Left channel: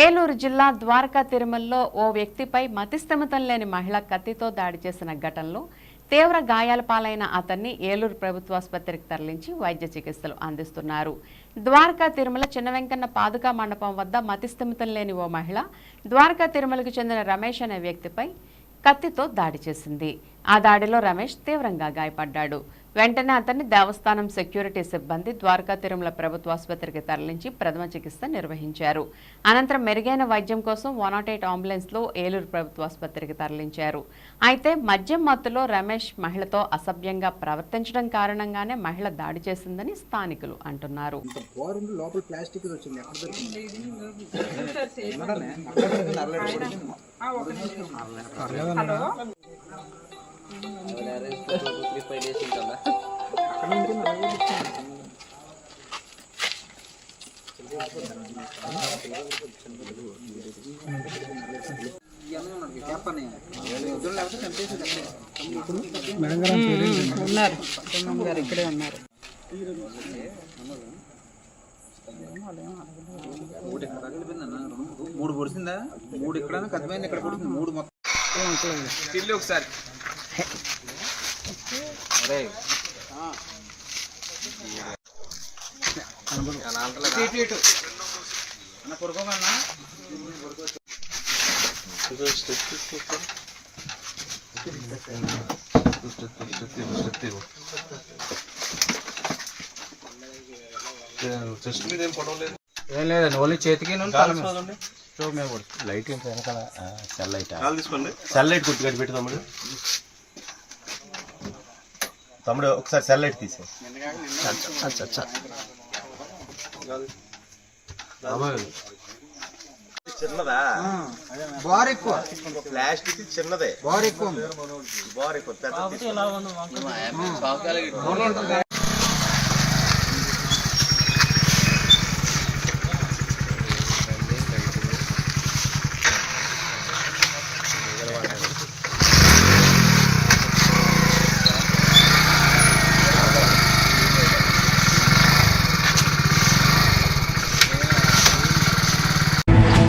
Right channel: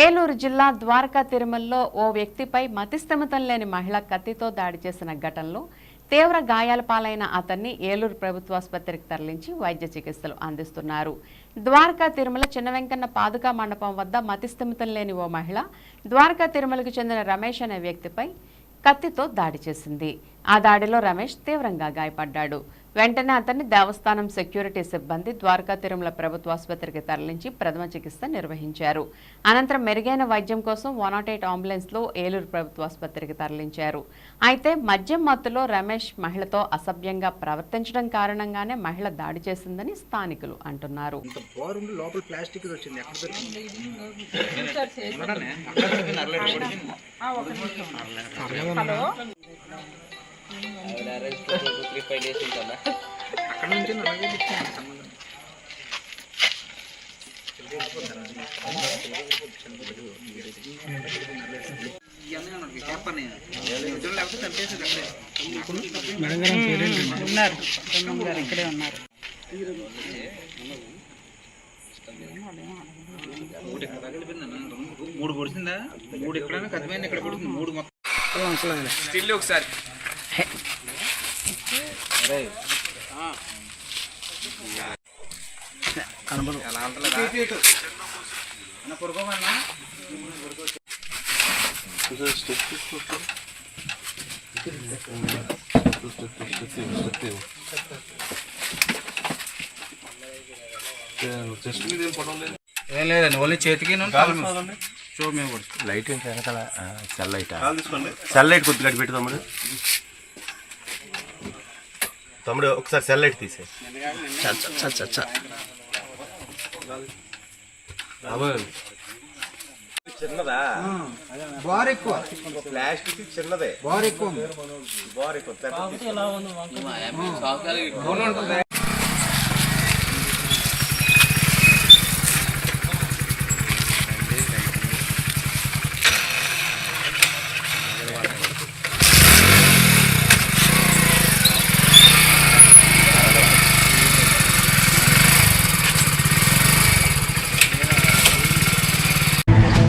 ఏలూరు జిల్లా ద్వారకా తిరుమలలో ఓ వ్యక్తిపై మతిస్థిమితం లేని మహిళ కత్తితో దాడి చేసిన ఘటనలో తీవ్ర గాయాల పాలైన అతన్ని ఏలూరు ప్రభుత్వాసుపత్రికి తరలించి వైద్య చికిత్సలు అందిస్తున్నారు. ద్వారకా తిరుమల చిన్న వెంకన్న పాదుకా మండపం వద్ద మతిస్థిమితం లేని ఓ మహిళ ద్వారకా తిరుమలకు చెందిన రమేష్ అనే వ్యక్తిపై కత్తితో దాడి చేసింది. ఆ దాడిలో రమేష్ తీవ్రంగా గాయపడ్డాడు. వెంటనే అతన్ని దేవస్థానం సెక్యూరిటీ సిబ్బంది ద్వారకా తిరుమల ప్రభుత్వ ఆసుపత్రికి తరలించి ప్రథమ చికిత్స నిర్వహించారు. అనంతరం మెరుగైన వైద్యం కోసం వన్ నాట్ ఎయిట్ అంబులెన్స్లో ఏలూరు ప్రభుత్వ ఆసుపత్రికి తరలించారు. అయితే మద్యం మత్తులో రమేష్ మహిళతో అసభ్యంగా ప్రవర్తించడం కారణంగానే మహిళ దాడి చేసిందని స్థానికులు అంటున్నారు. అక్కడ నుంచి అలాగే సంబంధం ఇక్కడే ఉన్నారు మూడు ఇక్కడ తగిలిపోయిందన్న మూడు పొడిచిందా మూడు ఇక్కడ కదిపోయింది ఇక్కడ పొడిచింది మూడు మొత్తం స్టిల్ ఒకసారి. చెస్ట్ మీద ఏం పడవలేదు ఏం లేదండి ఓన్లీ చేతికి చూ మేము కూడా. లైట్ ఏంటి వెనకాల? సెల్ లైట్ తీసుకోండి. సెల్ లైట్ కొద్దిగా పెట్టు తమ్ముడు ఒకసారి సెల్ లైట్ తీసే చిన్నదా? బార్ ఎక్కువ. ప్లాస్టిక్ చిన్నదే. బార్ ఎక్కువ. బార్ ఎక్కువ.